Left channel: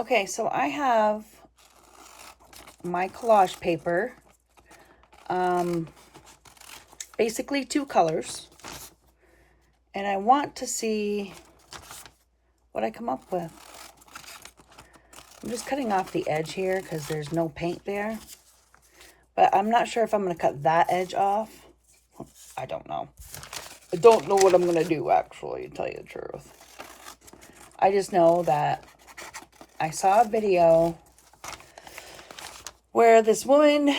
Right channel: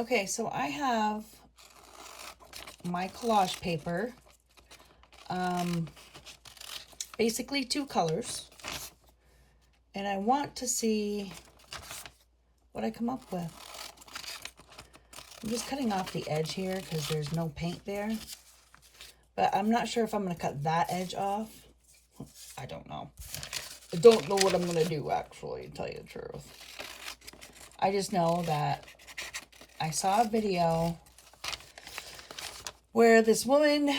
Okay, so I have my collage paper. Basically 2 colors. And I want to see what I come up with. I'm just cutting off the edge here because there's no paint there. But I'm not sure if I'm going to cut that edge off. I don't know. I don't know what I'm going to do, actually, to tell you the truth. I just know that I saw a video where this woman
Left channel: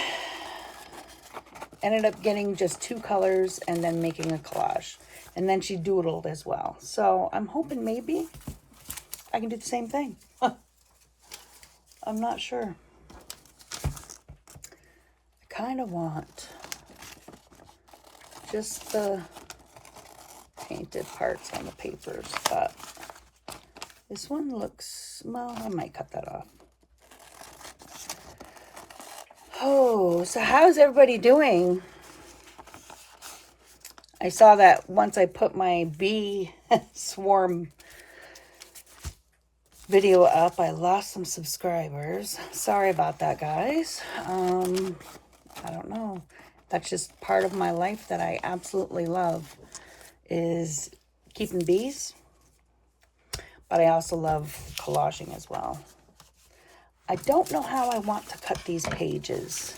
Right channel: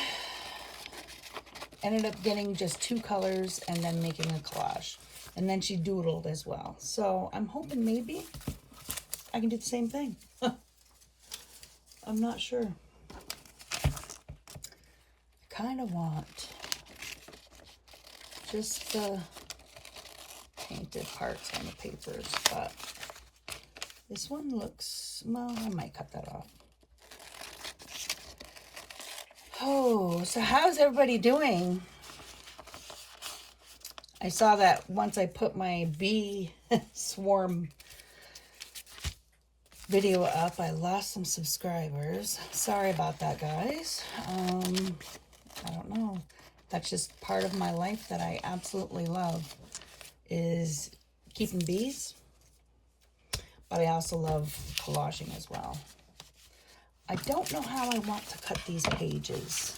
ended up getting just 2 colors and then making a collage. And then she doodled as well. So I'm hoping maybe I can do the same thing. I'm not sure. I kind of want just the painted parts on the papers, but this one looks, well, I might cut that off. Oh, so how's everybody doing? I saw that once I put my bee swarm video up, I lost some subscribers. Sorry about that, guys. I don't know. That's just part of my life that I absolutely love, is keeping bees. But I also love collaging as well. I don't know how I want to cut these pages.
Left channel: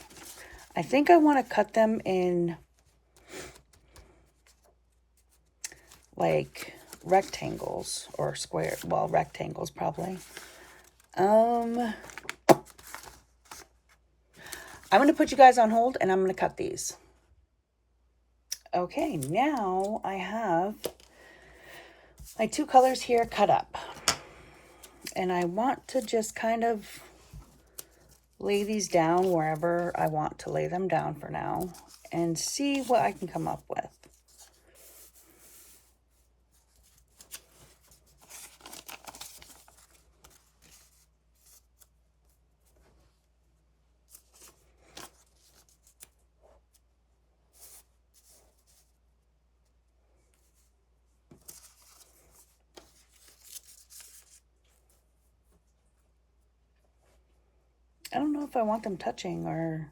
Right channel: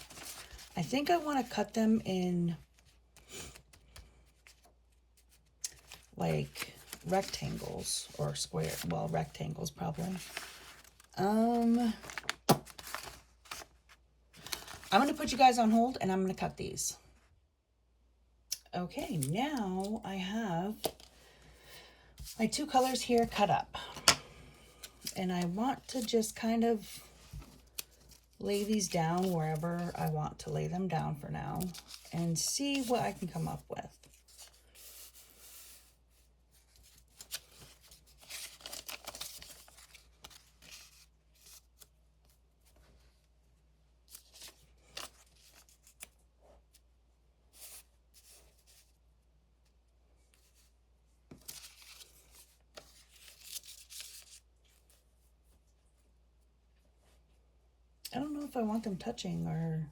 I think I want to cut them in like rectangles or square. Well, rectangles probably. I'm going to put you guys on hold and I'm going to cut these. Okay, now I have my 2 colors here cut up. And I want to just kind of lay these down wherever I want to lay them down for now and see what I can come up with. I don't know if I want them touching or...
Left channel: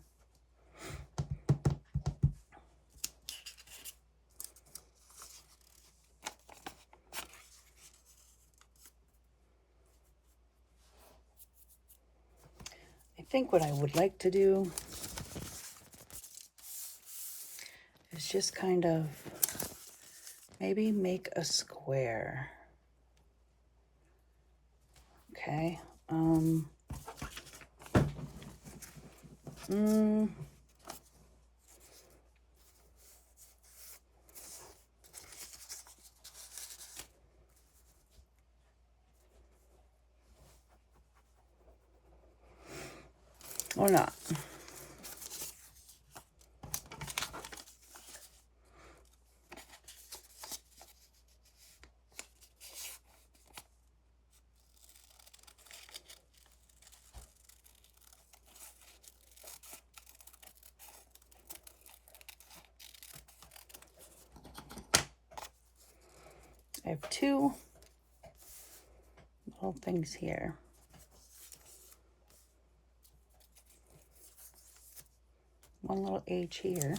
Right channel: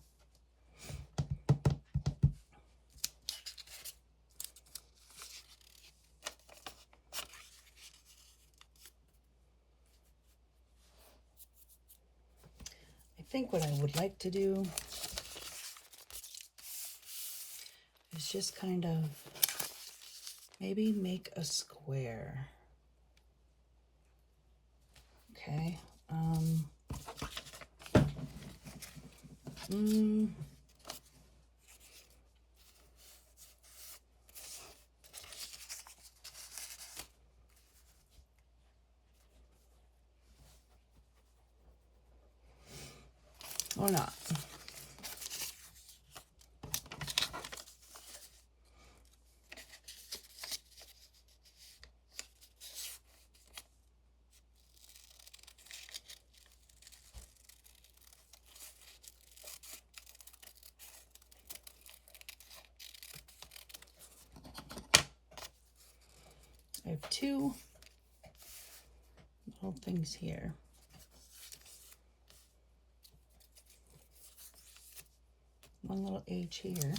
I think what I would like to do is just kind of maybe make a square. Okay. Or not. I have 2 little things here. One little H here.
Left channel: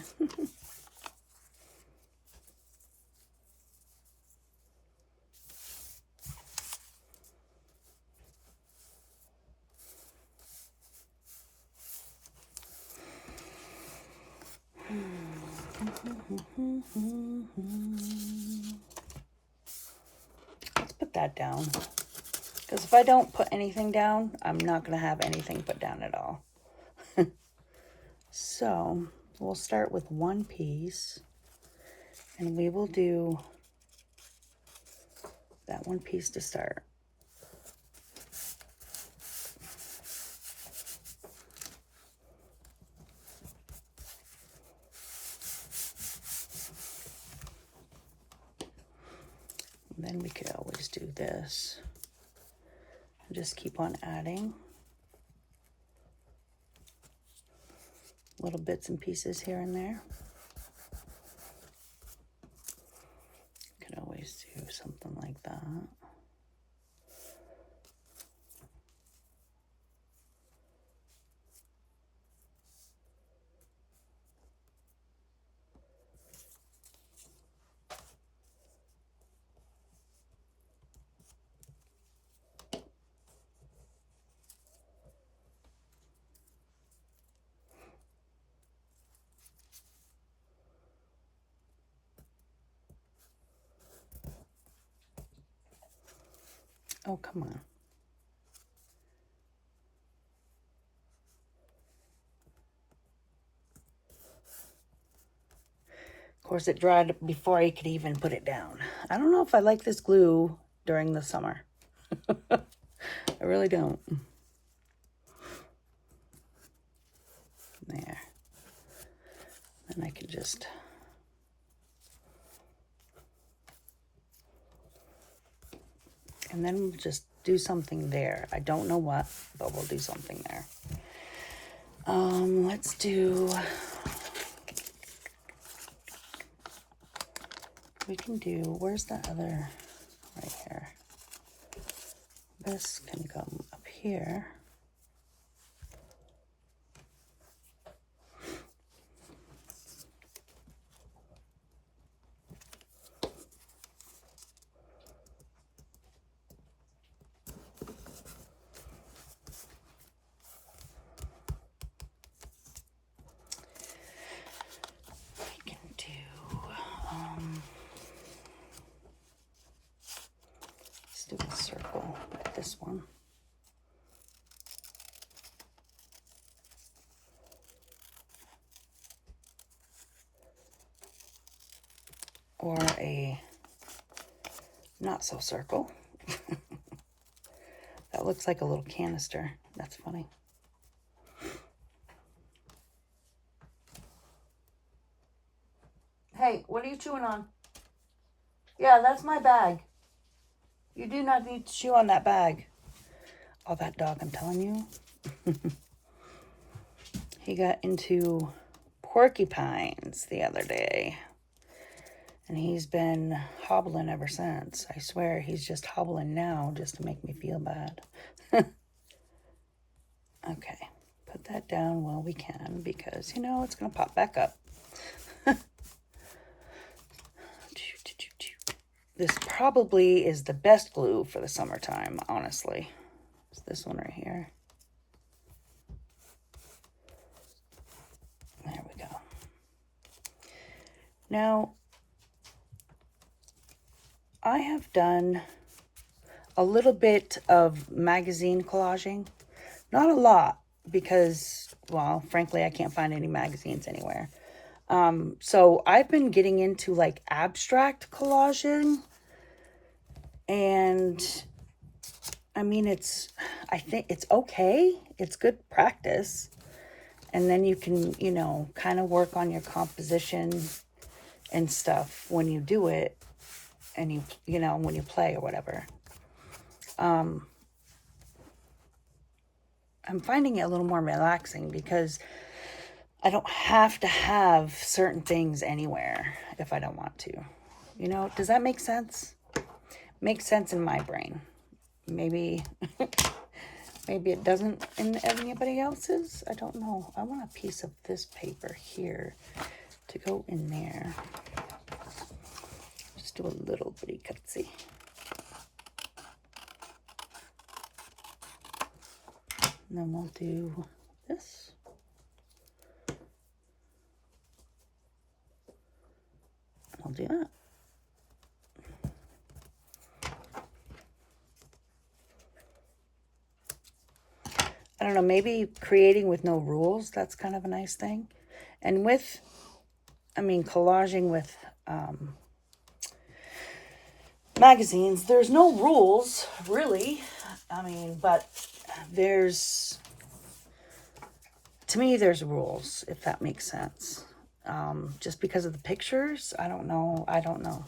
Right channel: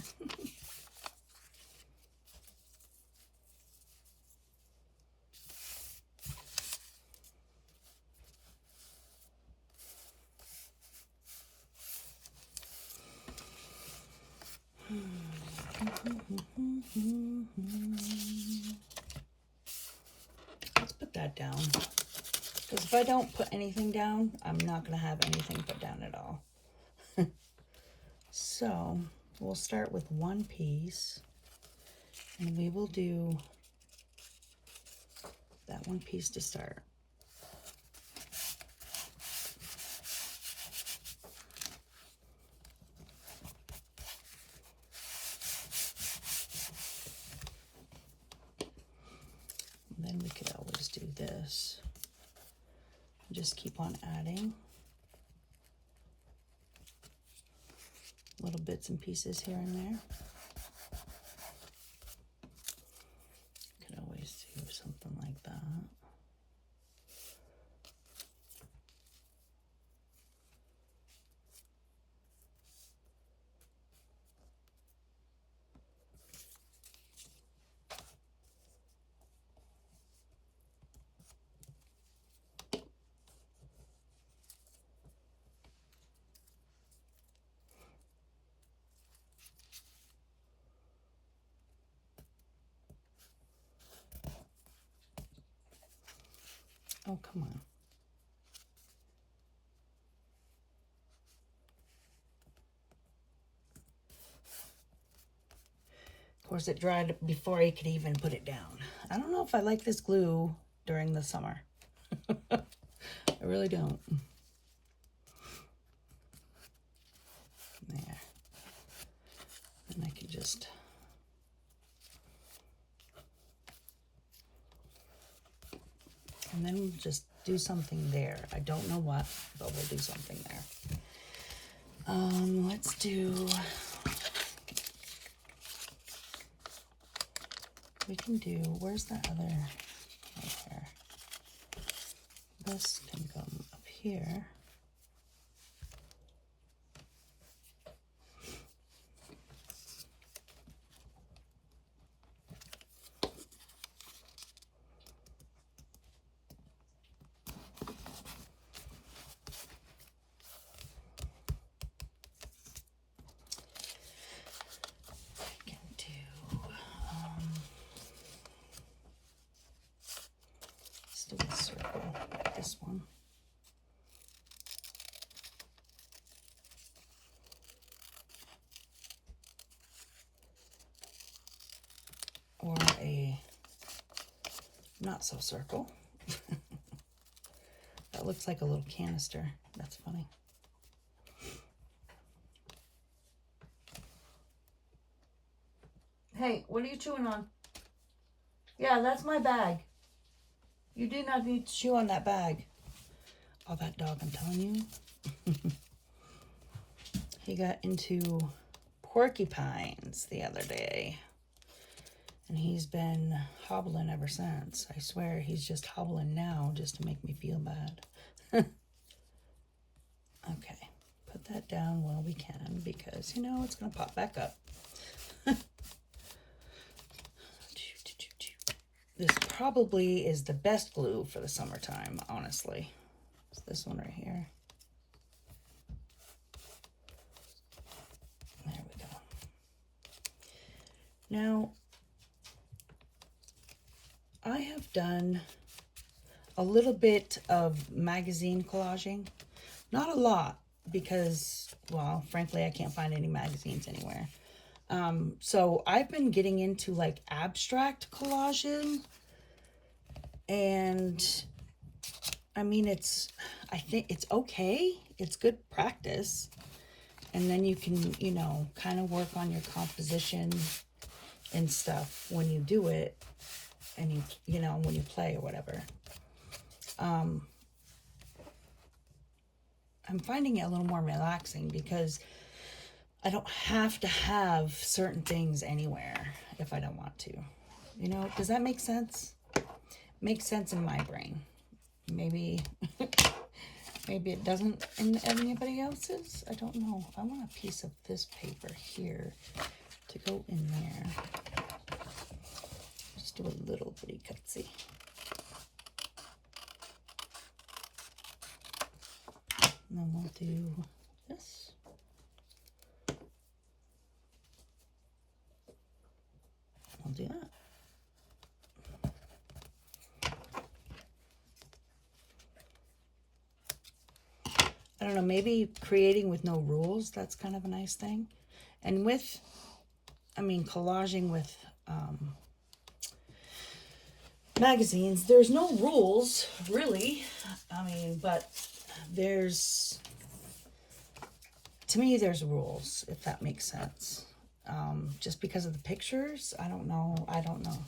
Let's put that down. Because if I don't put anything down, I'm not going to have anything put down at all. So we'll start with 1 piece. And we will do that 1 piece to start. And then we could always do this. And just keep on adding little bits and pieces here and there. Could always do something like that. Oh, come on. Of course, it dried before I could even put it down. I don't know if I like this glue during the summer. I really don't. There. And I can just... And then we'll just do something there. I don't know what, but we'll do something there. Let's do... We can do... Where's that other... Right here. This can come up here. Do a circle, this one. Or a not so circle. That looks like a little canister. That's funny. Hey, what are you chewing on? Yeah, that's my bag. You do not need to chew on that bag. Oh, that dog, I'm telling you. He got into porcupines the other day. And he's been hobbling ever since. I swear, he's just hobbling now just to make me feel bad. Okay, put that down while we can because, you know, it's going to pop back up. This probably is the best glue for the summertime, honestly. It's this one right here. There we go. Now, I have done a little bit of magazine collaging. Not a lot because, well, frankly, I can't find any magazines anywhere. So I've been getting into like abstract collaging, and I mean, I think it's okay. It's good practice. And then you can, you know, kind of work on your composition and stuff when you do it and you know, when you play or whatever. I'm finding it a little more relaxing because I don't have to have certain things anywhere if I don't want to. You know, does that make sense? Makes sense in my brain. Maybe, maybe it doesn't in anybody else's. I don't know. I want a piece of this paper here to go in there. Just do a little bitty cutsy. And then we'll do this. We'll do that. I don't know, maybe creating with no rules, that's kind of a nice thing. And with, I mean, collaging with magazines, there's no rules, really. I mean, but there's, to me, there's rules, if that makes sense. Just because of the pictures, I don't know. I don't know.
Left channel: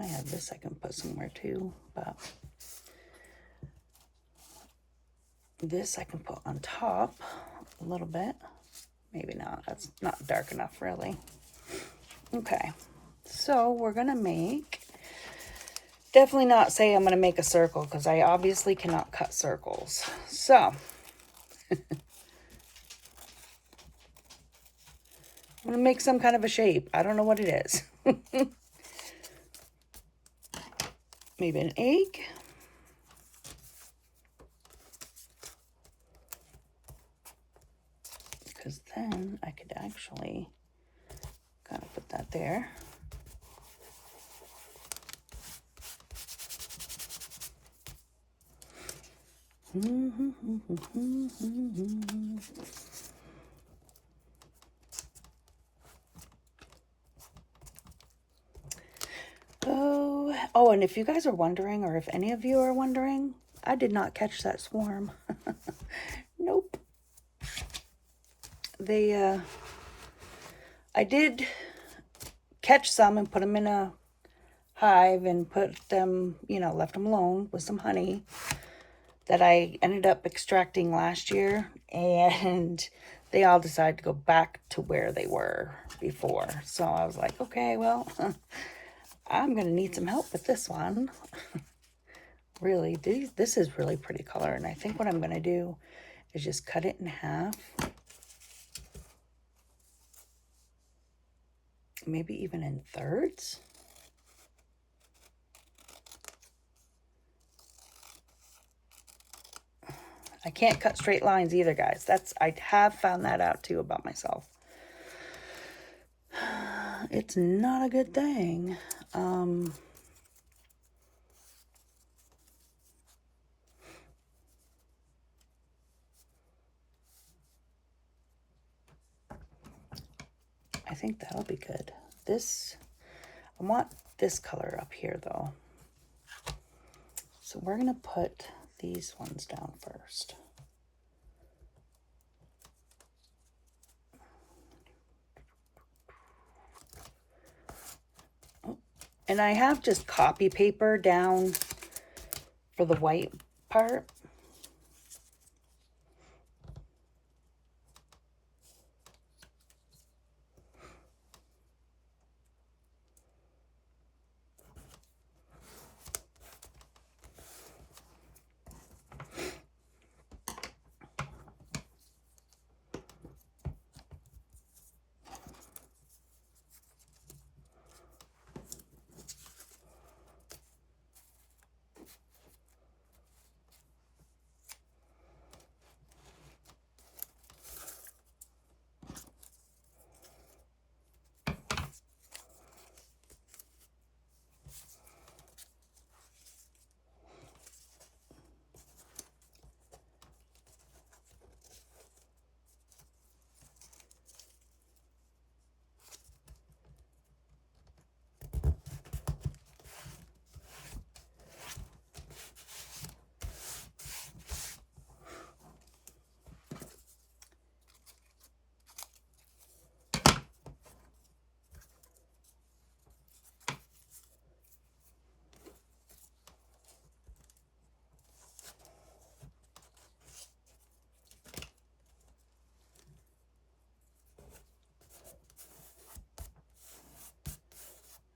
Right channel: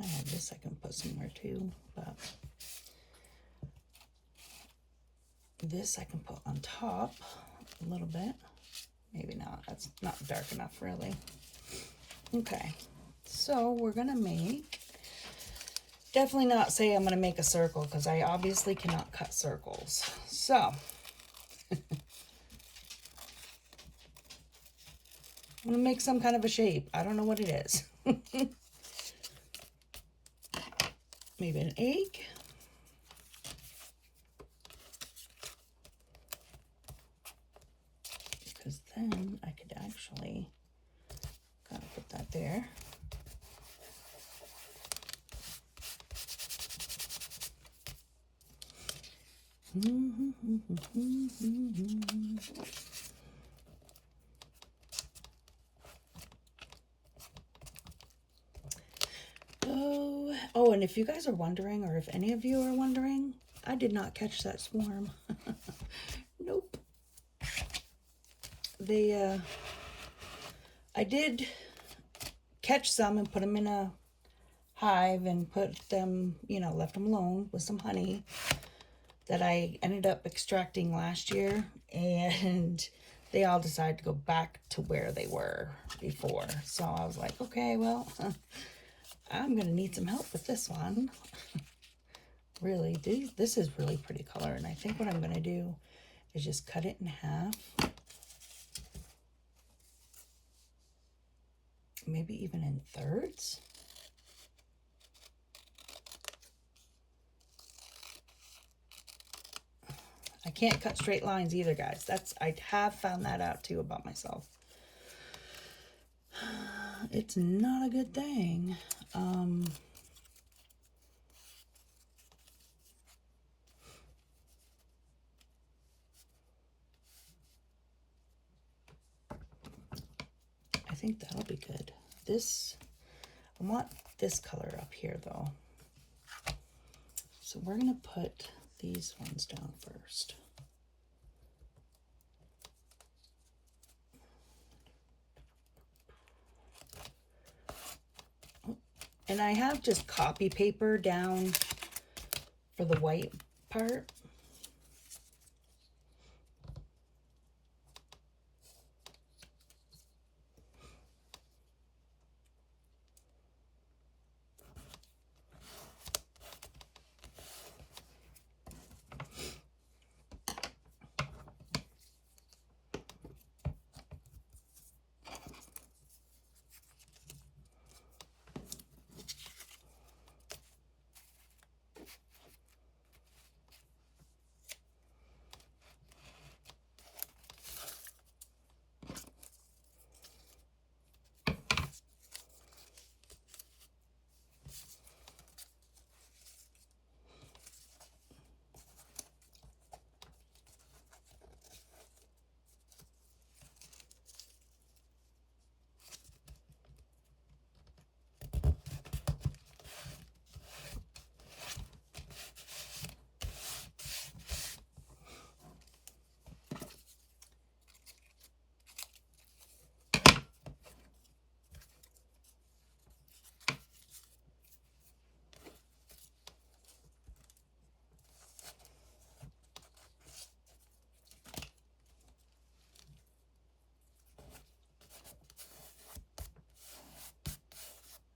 I had this I can put somewhere too, but this I can put on top a little bit. Maybe not. That's not dark enough, really. Okay, so we're gonna make, definitely not say I'm gonna make a circle because I obviously cannot cut circles. So I'm gonna make some kind of a shape. I don't know what it is. Maybe an egg. Because then I could actually kind of put that there. Oh, and if you guys are wondering, or if any of you are wondering, I did not catch that swarm. Nope. I did catch some and put them in a hive and put them, left them alone with some honey that I ended up extracting last year, and they all decided to go back to where they were before. So I was like, okay, well, I'm going to need some help with this one. Really, this is really pretty color, and I think what I'm going to do is just cut it in half. Maybe even in thirds. I can't cut straight lines either, guys. I have found that out too about myself. It's not a good thing. I think that'll be good. I want this color up here though. So we're gonna put these ones down first. And I have just copy paper down for the white part.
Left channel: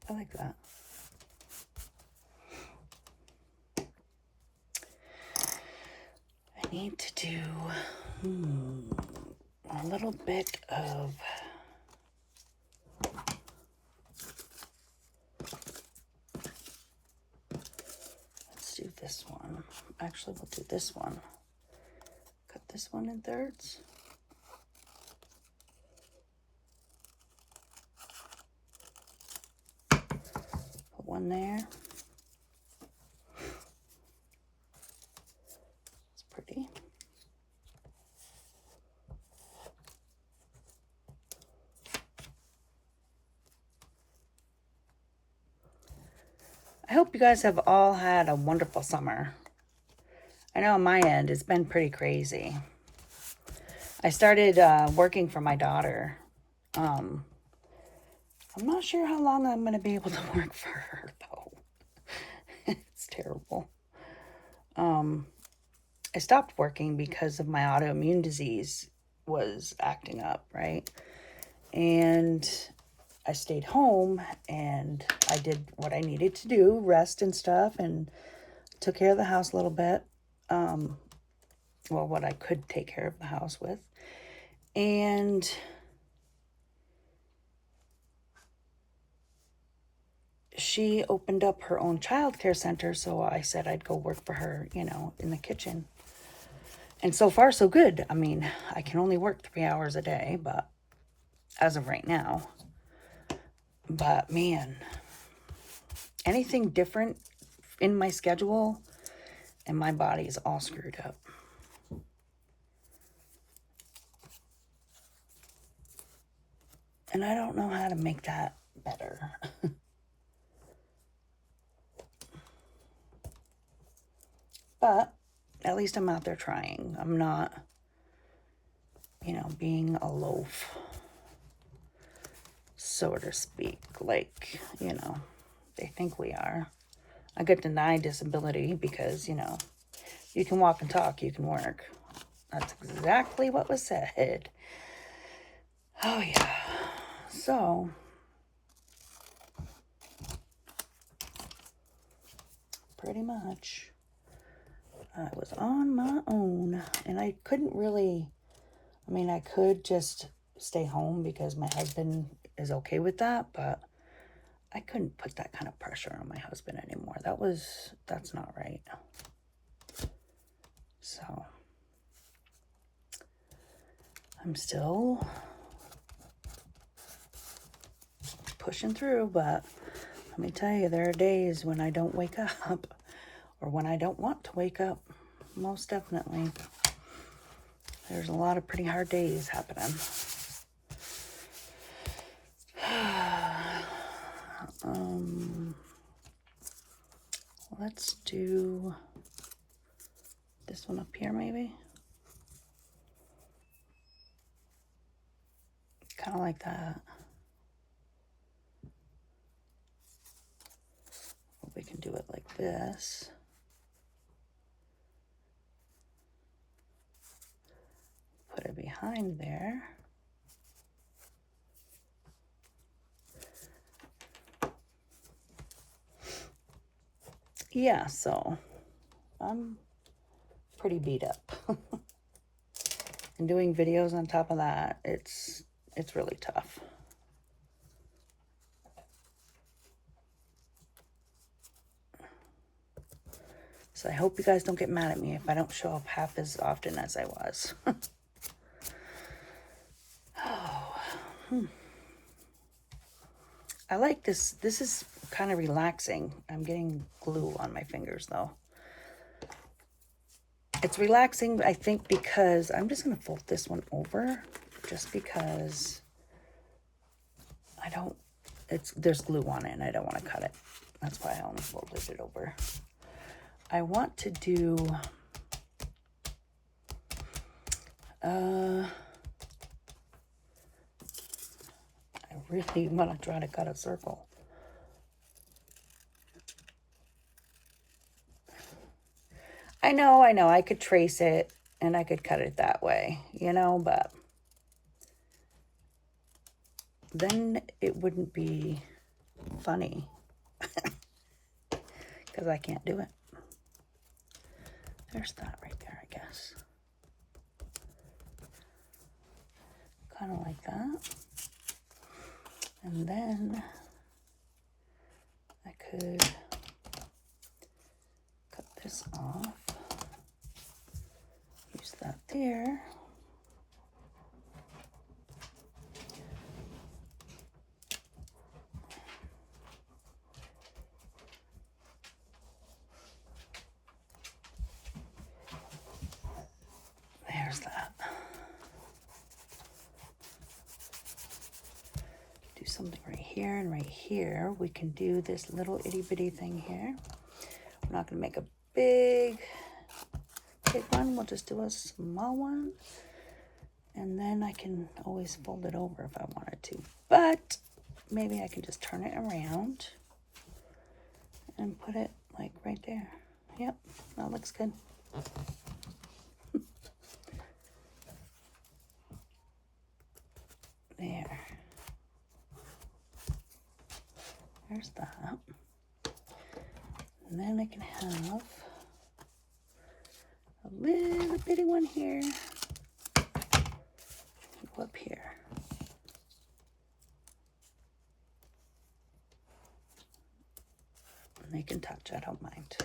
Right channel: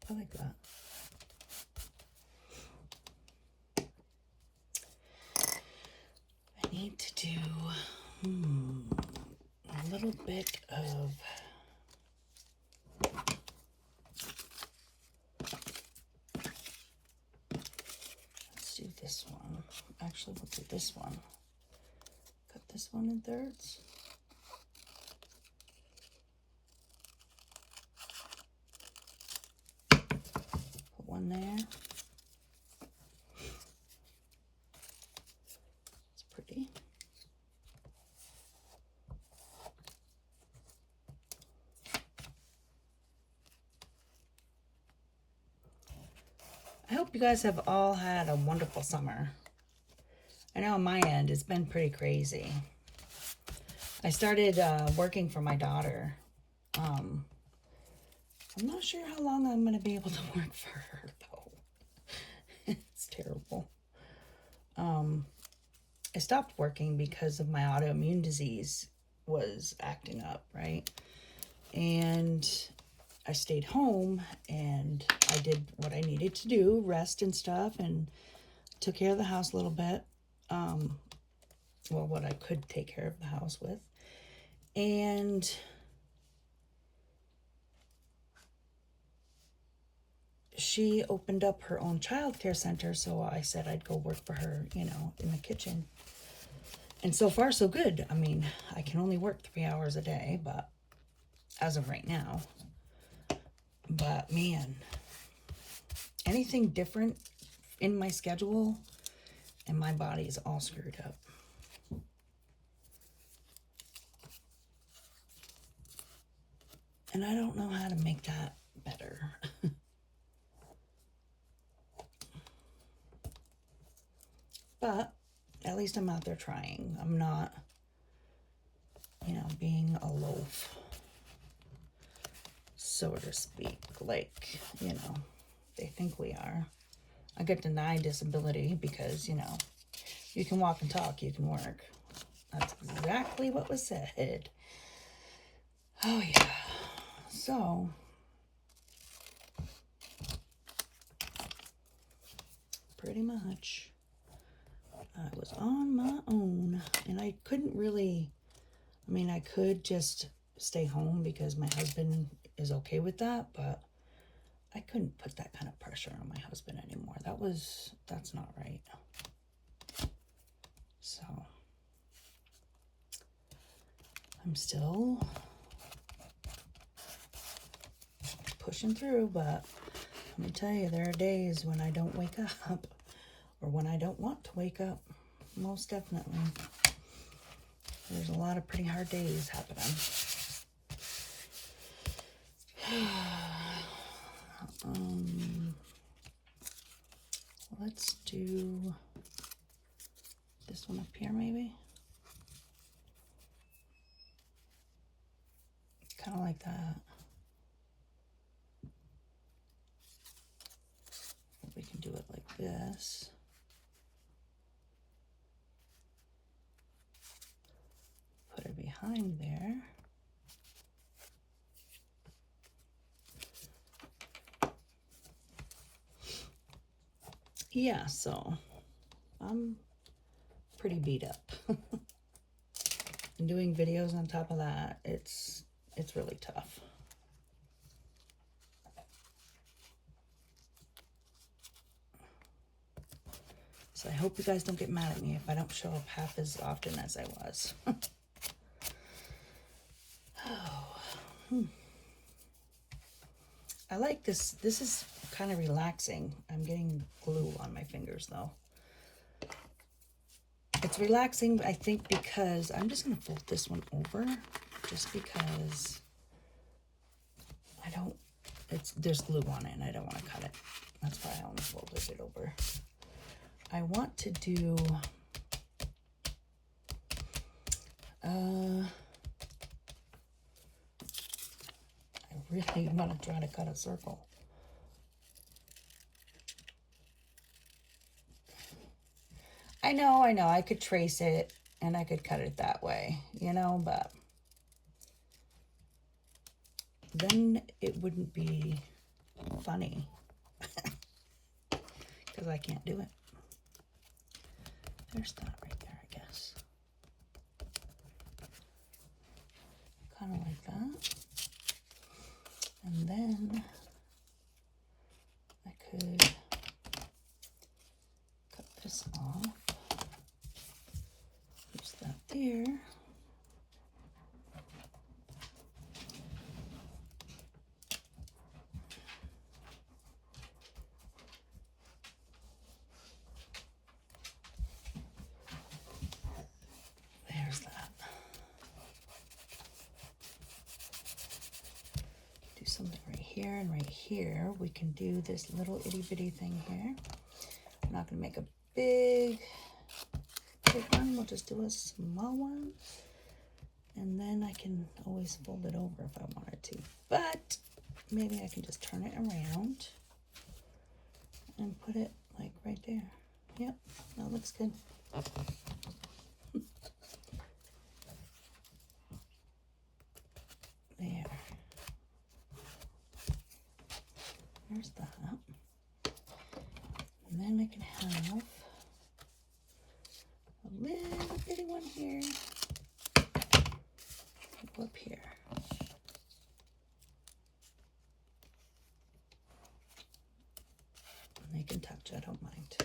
I like that. I need to do a little bit of let's do this one. Actually, we'll do this one. Cut this one in thirds. Put one there. It's pretty. I hope you guys have all had a wonderful summer. I know on my end, it's been pretty crazy. I started working for my daughter. I'm not sure how long I'm going to be able to work for her, though. It's terrible. I stopped working because of my autoimmune disease was acting up, right? And I stayed home and I did what I needed to do, rest and stuff, and took care of the house a little bit. Well, what I could take care of the house with. And she opened up her own childcare center, so I said I'd go work for her, in the kitchen. And so far, so good. I mean, I can only work 3 hours a day, but as of right now. But man, anything different in my schedule and my body is all screwed up. And I don't know how to make that better. But at least I'm out there trying. I'm not, you know, being a loaf, so to speak. Like, you know, they think we are. I get denied disability because, you know, you can walk and talk, you can work. That's exactly what was said. Oh, yeah. So, pretty much, I was on my own. And I couldn't really, I mean, I could just stay home because my husband is okay with that, but I couldn't put that kind of pressure on my husband anymore. That's not right. So, I'm still pushing through, but let me tell you, there are days when I don't wake up or when I don't want to wake up. Most definitely. There's a lot of pretty hard days happening. Let's do this one up here, maybe. Kind of like that. We can do it like this. Put it behind there. Yeah, so I'm pretty beat up. And doing videos on top of that, it's really tough. So I hope you guys don't get mad at me if I don't show up half as often as I was. I like this. This is kind of relaxing. I'm getting glue on my fingers though. It's relaxing, I think, because I'm just going to fold this one over just because there's glue on it and I don't want to cut it. That's why I only folded it over. I want to do, I really want to try to cut a circle. I know, I could trace it and I could cut it that way, you know, but then it wouldn't be funny because I can't do it. There's that right there, I guess. Kind of like that. And then I could cut this off. Use that there. There's that. Do something right here and right here. We can do this little itty bitty thing here. I'm not going to make a big one. We'll just do a small one. And then I can always fold it over if I wanted to. But maybe I can just turn it around and put it like right there. Yep, that looks good. There. There's that. And then I can have a little bitty one here. Go up here. And they can touch, I don't mind.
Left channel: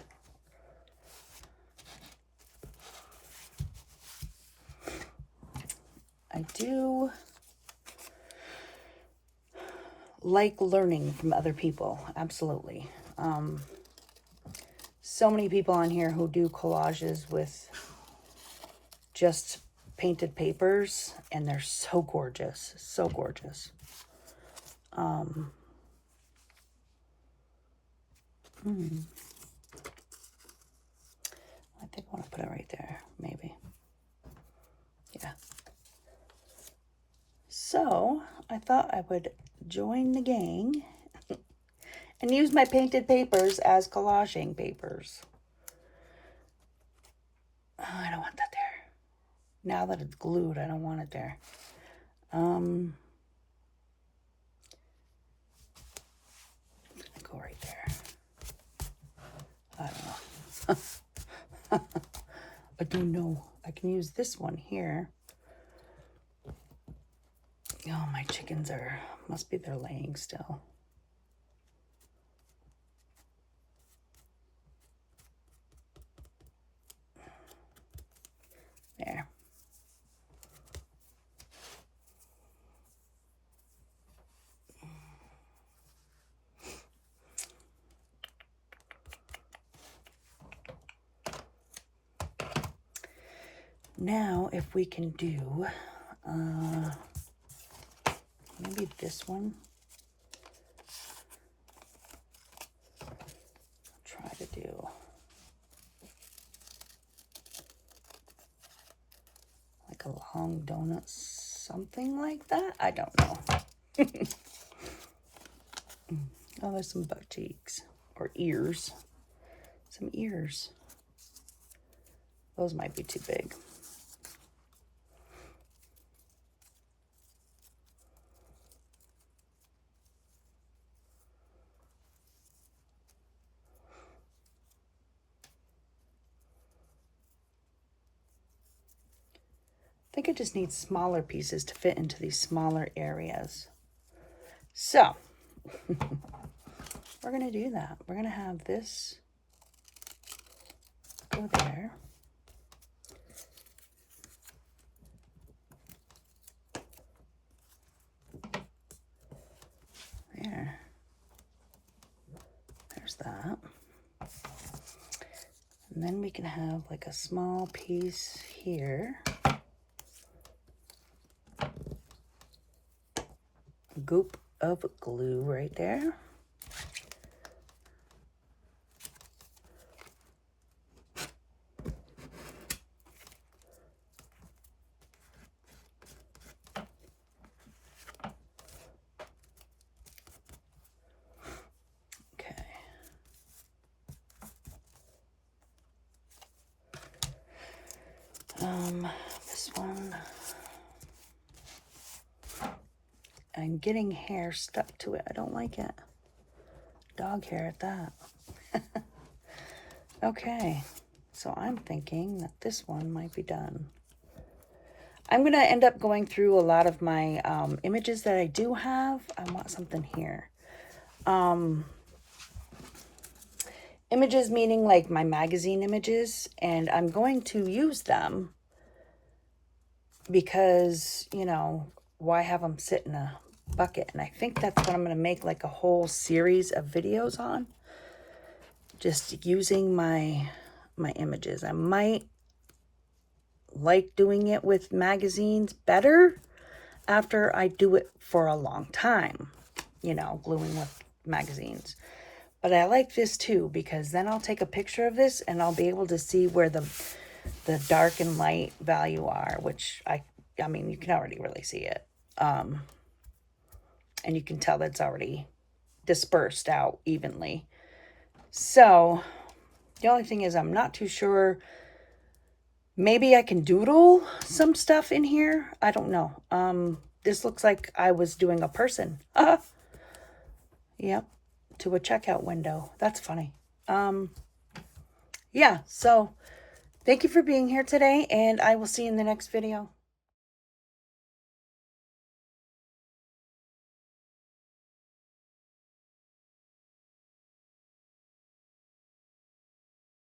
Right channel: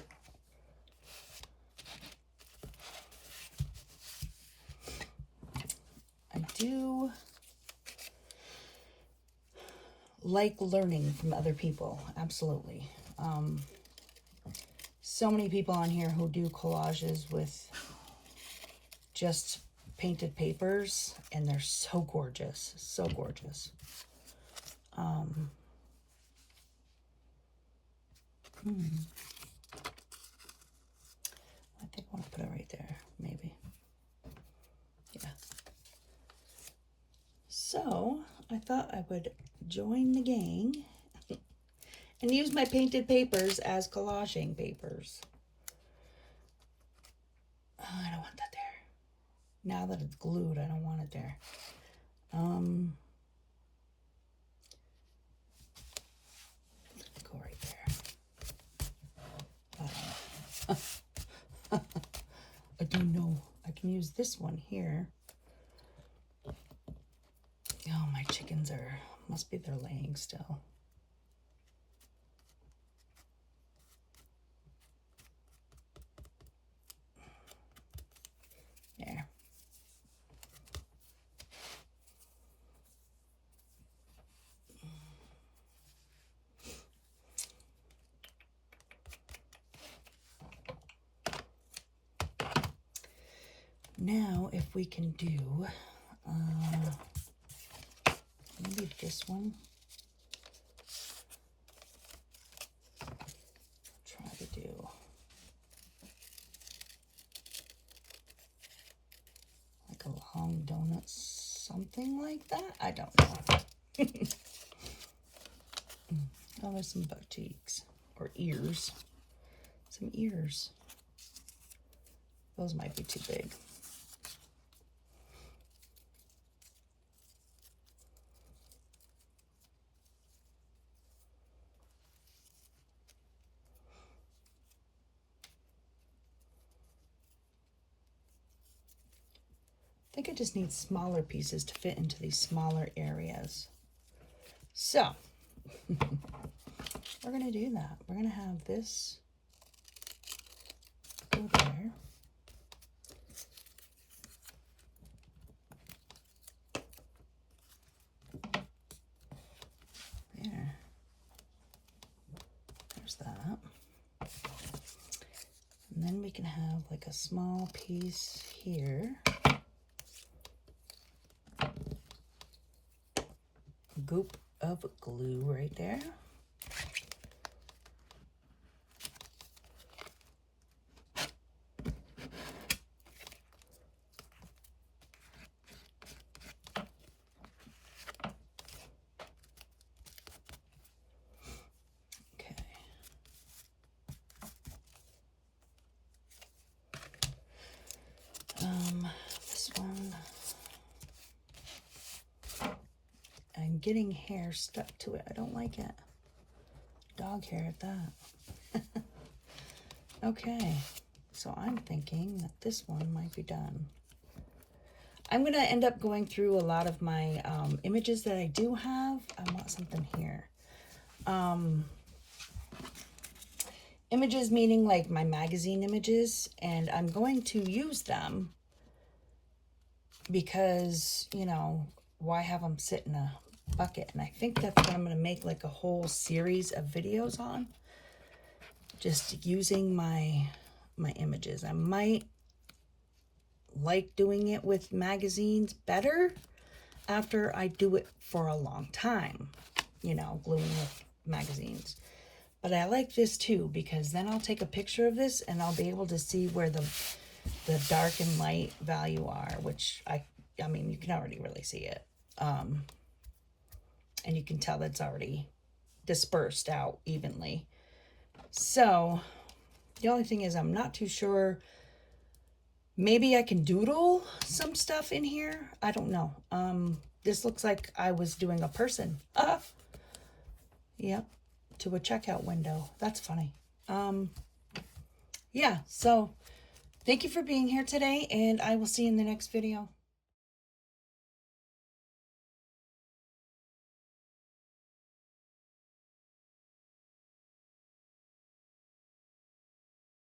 I do like learning from other people, absolutely. So many people on here who do collages with just painted papers, and they're so gorgeous, so gorgeous. I think I want to put it right there, maybe. Yeah. So I thought I would join the gang and use my painted papers as collaging papers. Oh, I don't want that there. Now that it's glued, I don't want it there. Go right there. I don't know. I don't know. I can use this one here. Oh, my chickens must be they're laying still. There. Now, if we can do, maybe this one. Try to do like a long donut, something like that. I don't know. Oh, there's some butt cheeks or ears. Some ears. Those might be too big. I think I just need smaller pieces to fit into these smaller areas. So, we're going to do that. We're going to have this go there. There. There's that. And then we can have like a small piece here. Goop of glue right there. Okay. This one. I'm getting hair stuck to it. I don't like it. Dog hair at that. Okay, so I'm thinking that this one might be done. I'm going to end up going through a lot of my images that I do have. I want something here. Images meaning like my magazine images, and I'm going to use them because, you know, why have them sit in a bucket? And I think that's what I'm going to make like a whole series of videos on. Just using my images. I might like doing it with magazines better after I do it for a long time, you know, gluing with magazines. But I like this too, because then I'll take a picture of this and I'll be able to see where the dark and light value are, which I mean, you can already really see it. And you can tell that's already dispersed out evenly. So the only thing is I'm not too sure. Maybe I can doodle some stuff in here. I don't know. This looks like I was doing a person. Yep. To a checkout window. That's funny. Yeah, so thank you for being here today, and I will see you in the next video.